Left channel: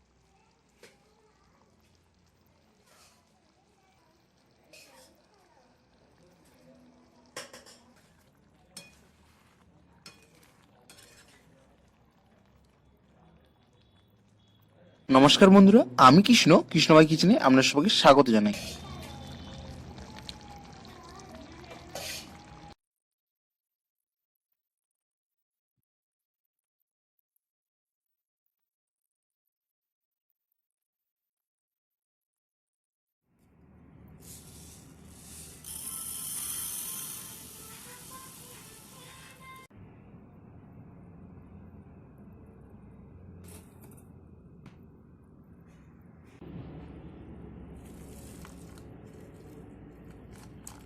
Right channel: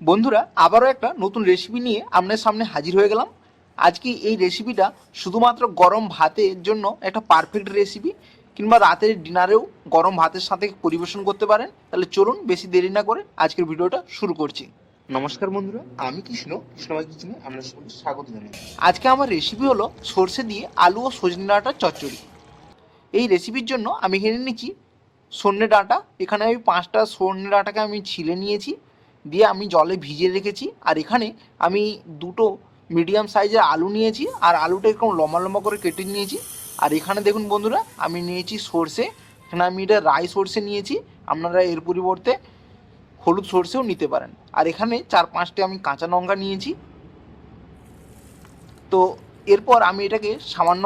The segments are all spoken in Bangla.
বন্ধুরা, আবারও একটা নতুন রেসিপি নিয়ে আপনার সামনে হাজির হয়ে গেলাম। আজকে এই রেসিপিটা শুধুমাত্র গরম ভাতের জন্য একটা পারফেক্ট রেসিপি, কিংবা রাতের ডিনারেও গরম ভাতের সাথে পরিবেশন করতে পারেন। তাহলে চলুন বেশি দেরি না করে আজকের ভিডিওটা শুরু করছি। নমস্কার বন্ধুরা, আমি কৃষ্ণভাই কিচেনে আপনার সবাইকে স্বাগত জানাই। আজকে আমার রেসিপি হলো সর্ষে দিয়ে আলু ও সজনে ডাঁটার চচ্চড়ি। এই রেসিপির জন্য আমি এখানে নিচ্ছি সজনে ডাঁটা। এখানে আমি 5টা সজনে ডাঁটাকে আমি ছিলে নিয়েছি, দিয়ে আমি জলে ভিজিয়ে রেখেছি। আর এখানে আমি দুটো মিডিয়াম সাইজের আলু নিয়েছি, আর আলুটা এরকম লম্বা লম্বা করে কেটে নিয়েছি। আর এখানে দেখুন বন্ধুরা, আমি নিয়েছি সর্ষে। এখানে আমি এটা রাই সর্ষে নিয়েছি, আপনারা এর পরিবর্তে হলুদ সর্ষেও নিতে পারেন। আর এখানে 4-5টি আমি কাঁচা লঙ্কা নিয়েছি। তো এরপর আমি এটাকে সামান্য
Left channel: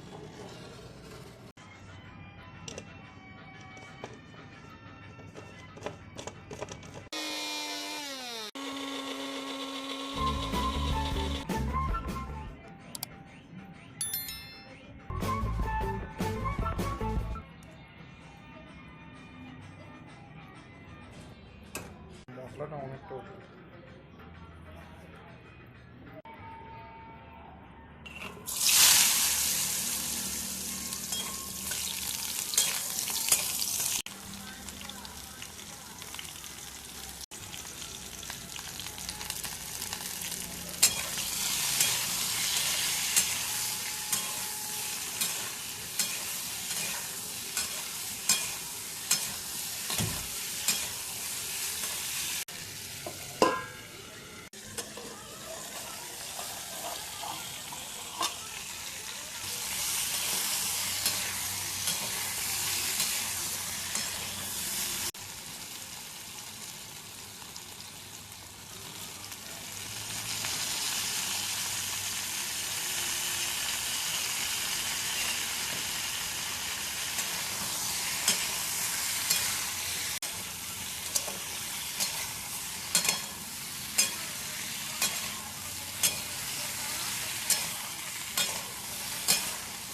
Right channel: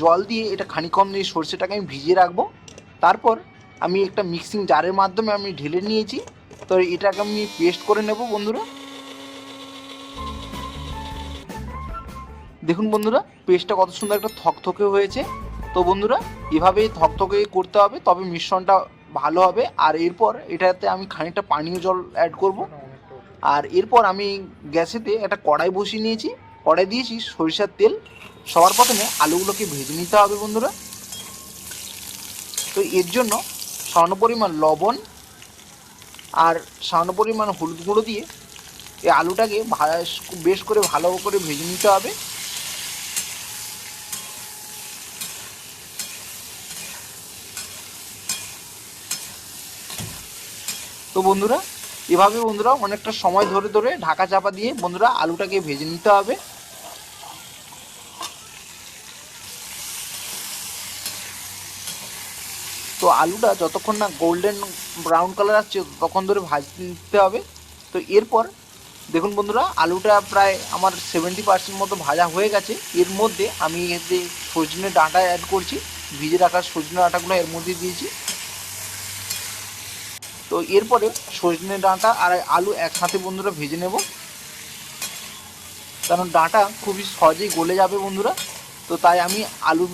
জল দিয়ে এটা খানিকক্ষণ এই সর্ষেটাকে আমি ভিজিয়ে রাখবো। তারপর আমি একটা মিক্সিং জারের মাধ্যমে আমি ঢেলে নিয়েছি। তো এটাকে আমি পেস্ট করে নেব বন্ধুরা। দেখুন বন্ধুরা, পেস্টটা কত সুন্দর একটা থকথকে হয়েছে। তো বন্ধুরা, এভাবেই থকথকে করতে হবে, তবে মিশ্রণটা ভালো হবে। আর এরপর এটাতে আমি খানিকটা পানীয় জল অ্যাড করব। আর এরপর আমি গ্যাসেতে একটা কড়াই বসিয়ে নিয়েছি, কড়াই দিয়েছি সরিষার তেল। সবার প্রথমে আলুগুলোকে ভেজে নিতে হবে বন্ধুরা। তো এর জন্য সামান্য পরিমাণ লবণ আর সামান্য পরিমাণ হলুদ গুঁড়ো দিয়ে এই আলুটাকে বেশ করে ভালো করে ভেজে নিতে হবে। তো বন্ধুরা, এভাবে বন্ধুরা অনেকটা সময় ধরে ধরে ঢাকা চাপা দিয়ে বন্ধুরা আলুটাকে ভেজে নিতে হবে। তো আলুটা যতক্ষণ না গোল্ডেন ব্রাউন কালার আসছে ততক্ষণ ধরে ভাজতে হবে। তো এরপর দেখুন বন্ধুরা, আলুটা প্রায় আমার 70% মতো ভাজা হয়ে গেছে। এর মধ্যে আমি যে সজনে ডাঁটা অ্যাড করছি, ভিজে রাখা সজনে ডাঁটাগুলো এর মধ্যে দিয়েছি। তো এরপরে সজনে ডাঁটা আর আলু একসাথে বন্ধুরা ভেজে নেব, কারণ ডাঁটা খুবই সহজেই গলে যাবে বন্ধুরা। তো তাই আমি আলু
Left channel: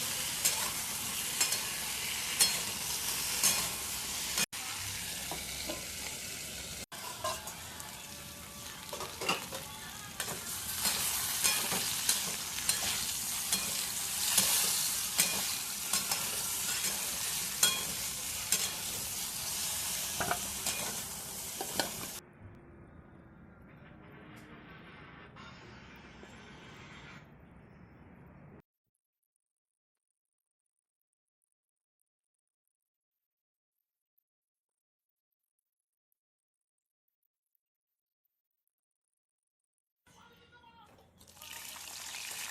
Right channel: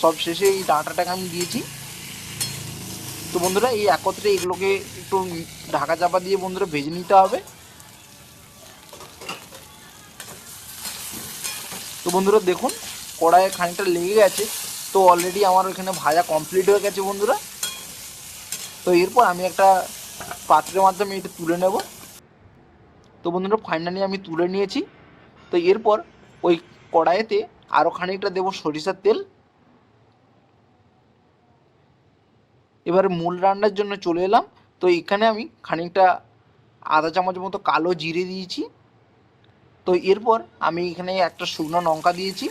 সব শেষে এই ডাঁটাটাকে আমি দিয়েছি। তো বন্ধুরা, এই একত্রে এগুলোকে একটু ঢাকা চাপা দিয়ে বন্ধুরা ভেজে নিতে হবে। তো বন্ধুরা দেখুন, কড়াইয়ে খানিকটা লেগে গেছে। তো অলরেডি আমার এখানে ভাজা কমপ্লিট হয়ে গেছে বন্ধুরা। তো এরপর আমি একটা পাত্রের মাধ্যমে এটা তুলে নেব। তো বন্ধুরা, ফাইনালি আমি তুলে নিয়েছি। তো এরপর ওই কড়াইতে আরও খানিকটা দেবো সরিষার তেল। এবারে মূল রান্নার জন্য চলে এলাম। তো এখানে আমি খানিকটা আধা চামচ মতো কালো জিরে দিয়েছি। তো এরপর আমি এখানে একটা শুকনো লঙ্কা দিয়েছি।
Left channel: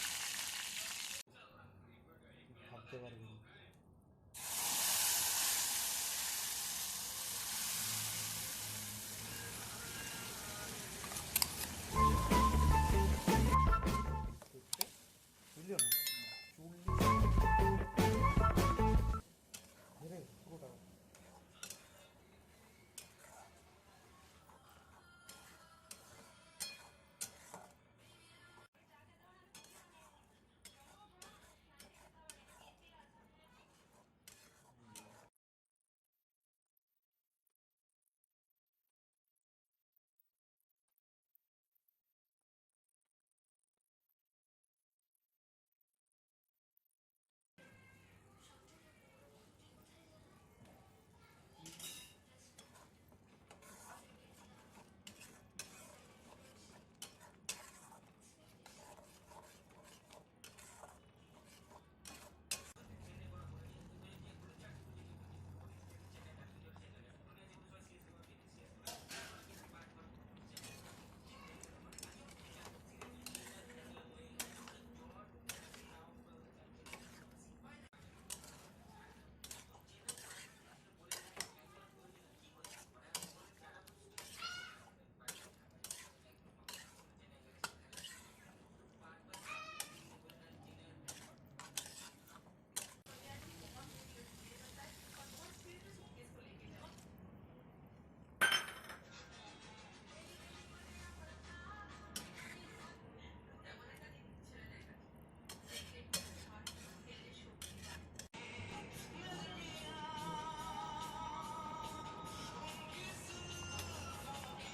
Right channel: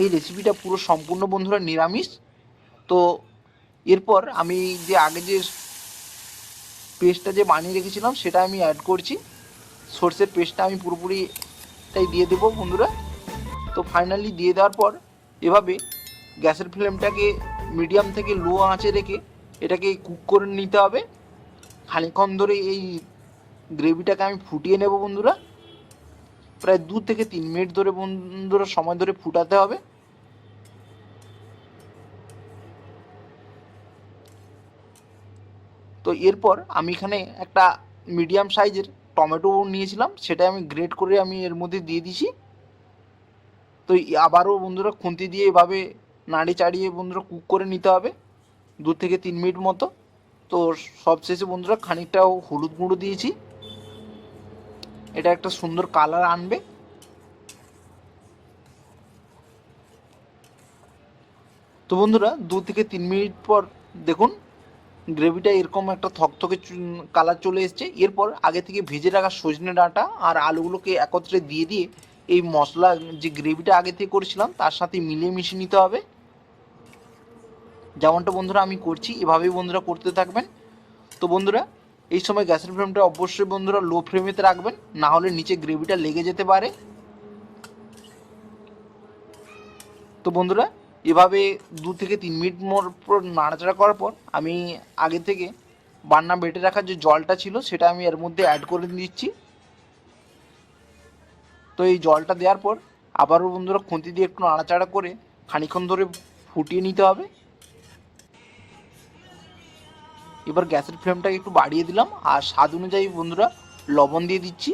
এই রেসিপিটা পুরো সম্পূর্ণ বন্ধুরা নিরামিষ। তো এরপর আমি যে আগে যে পেস্টটা যে বানিয়ে রেখেছিলাম সেটা আমি অ্যাড করছি। সর্ষের পেস্টটা আমি পুরোপুরিটাই দিয়ে দেবো বন্ধুরা। তো ফাইনালি দিয়ে দেওয়ার পর এভাবে গ্যাসের ফ্লেমটাকে মিডিয়াম থেকে লো আঁচে রেখে এটাকে কুক করে নিতে হবে। খানিকক্ষণ ধরে এই গ্রেভিটাকে আমি ফুটিয়ে নেব বন্ধুরা। প্রায় 2 থেকে 3 মিনিট ধরে বন্ধুরা সময় ধরে ফুটাতে হবে। তো এরপর আমি এখানে একটা মিডিয়াম সাইজের টমেটো নিয়েছিলাম, সেটা আমি গ্রেট করে আমি এর মধ্যে দিয়ে দিছি। তো আবারও বন্ধুরা খুন্তি দিয়ে এভাবে নাড়ি চাড়িয়ে বন্ধুরা কুক করে নিতে হবে 2 থেকে 3 মিনিট মতো। তো সবশেষে বন্ধুরা খানিকটা হলুদ গুঁড়ো দিয়েছি, এটা একটা সুন্দর কালার আনবে। তো বন্ধুরা 2 থেকে 3 মিনিট পর দেখুন গ্রেভিটা এরকম একটা থকথকে কালার চলে এসছে। এরপর আগে থেকে ভেজে রাখা সজনে ডাঁটা আর আলুগুলোকে একত্রে দিয়ে দিয়ে এই মশলা যে গ্রেভিটা আগে থেকে করেছিলাম তার সাথে মিলিয়ে মিশিয়ে নিতে হবে। যেমনটা বন্ধুরা আমি করছি, এভাবেই বন্ধুরা করতে থাকবেন। তো বন্ধুরা, এই সময় গ্যাসের ফ্লেমটা অবশ্যই বন্ধুরা লো ফ্লেমেতে রাখবেন, না হলে নিচে গ্রেভিটা লেগে যেতে পারে। তো বন্ধুরা, এভাবে 2 থেকে 3 মিনিট পর নাড়াচাড়া করার পর আমি আগে থেকে বান্না বেটে রাখার যে জলটা ছিল সেটা আমি এর মধ্যে অ্যাড করে দিচ্ছি। তো এই জলটা দেওয়ার পর আবারও বন্ধুরা খুন্তি দিয়ে একটু নাড়াচাড়া করে খানিকক্ষণ ধরে ফুটিয়ে নিতে হবে। এবার গ্যাসের ফ্লেমটাকে একটু বাড়িয়ে দিলাম, আর স্বাদ অনুযায়ী বন্ধুরা লবণ দিয়ে দিচ্ছি।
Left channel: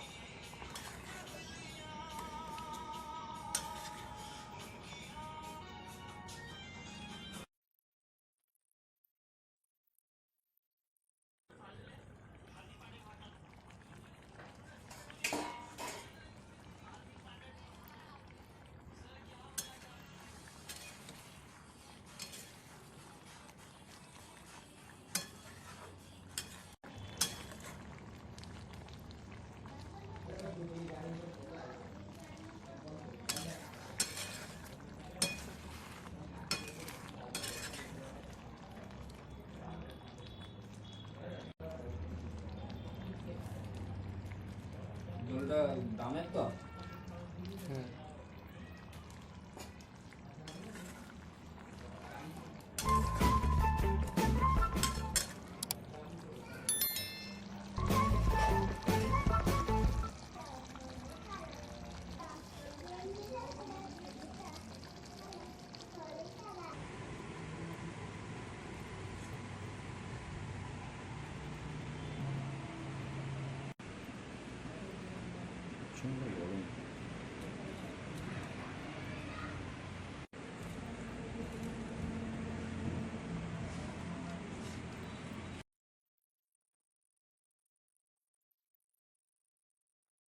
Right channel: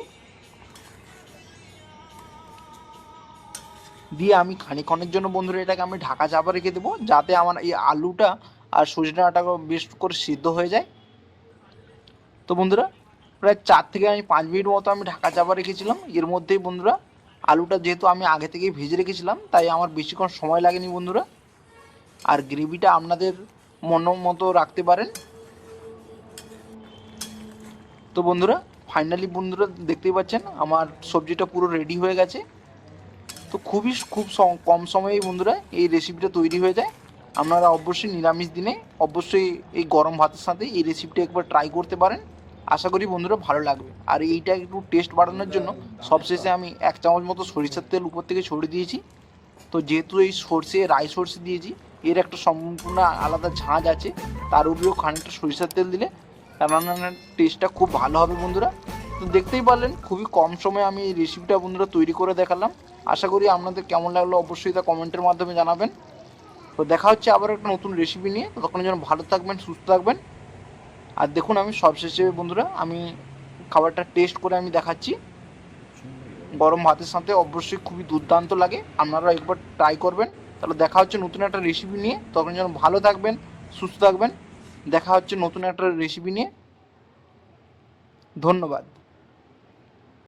দিয়ে আমি খানিকক্ষণের জন্য বন্ধুরা এটাকে আমি ঢাকা চাপা রেখে দেবো, যাতে আমার এই আলুটা আর সজনে ডাঁটাটা বেশ করে সিদ্ধ হয়ে যায়। তো বন্ধুরা প্রায় 4 থেকে 5 মিনিট মতো আমি ঢাকা চাপা রেখেছিলাম। এর মধ্যেই বন্ধুরা আলুটা যেহেতু আমি আগে থেকেই ভেজে রেখেছিলাম, তাই আমার বেশিক্ষণ সময় লাগেনি বন্ধুরা। আর গ্রেভিটা আপনাদের মন মতো রাখতে পারেন। তো বন্ধুরা ফাইনালি বন্ধুরা দেখতেই পাচ্ছেন আমার সবজিটা পুরো রেডি হয়ে গেছে। তো খুব কম সময়েই বন্ধুরা এই রেসিপিটা তৈরি হয়ে যায়। আপনারা অবশ্যই নিরামিষ দিনে অবশ্যই এই গরম ভাতের সাথে এই রেসিপিটা একবার ট্রাই করতে পারেন। আশা করি বন্ধুরা ভালো লাগবে। আর এইটা একটু টেস্ট বাড়ানোর জন্য সবশেষে আমি 1 চামচ মতো সরিষার তেল উপর থেকে ছড়িয়ে দিয়েছি। তো যেহেতু এই রাই সর্ষে দিয়েছি, এর একটা সম্পূর্ণ আলাদা ঝাঁঝ আছে, তার উপরেও খানিকটা সরিষার তেল দিলে রান্নার টেস্টটা খুব ভালো হবে বন্ধুরা। তো দেখতেই পারলেন খুবই কম সময়ে আমি এই রেসিপিটা বন্ধুরা তৈরি করে দেখালাম। আশা করি আপনাদের কেমন লাগলো অবশ্যই তা কমেন্টের মাধ্যমে জানাবেন। তো দেখা হচ্ছে আবার একটা নতুন রেসিপি নিয়ে। ততক্ষণের জন্য ভালো থাকবেন, সুস্থ থাকবেন। আর দেখুন আমি সবশেষে বন্ধুরা আমি খাবারটা টেস্ট করে আমি দেখাচ্ছি। গরম ভাতের সাথে অবশ্যই খুবই দুর্দান্ত লাগে, আপনারা একবার ট্রাই করবেন। তাহলে দেখা হচ্ছে নতুন একটা রেসিপি নিয়ে, তখন যেন ভালো থাকবেন, সুস্থ থাকবেন। দেখা হচ্ছে নতুন একটা রেসিপি নিয়ে। ধন্যবাদ।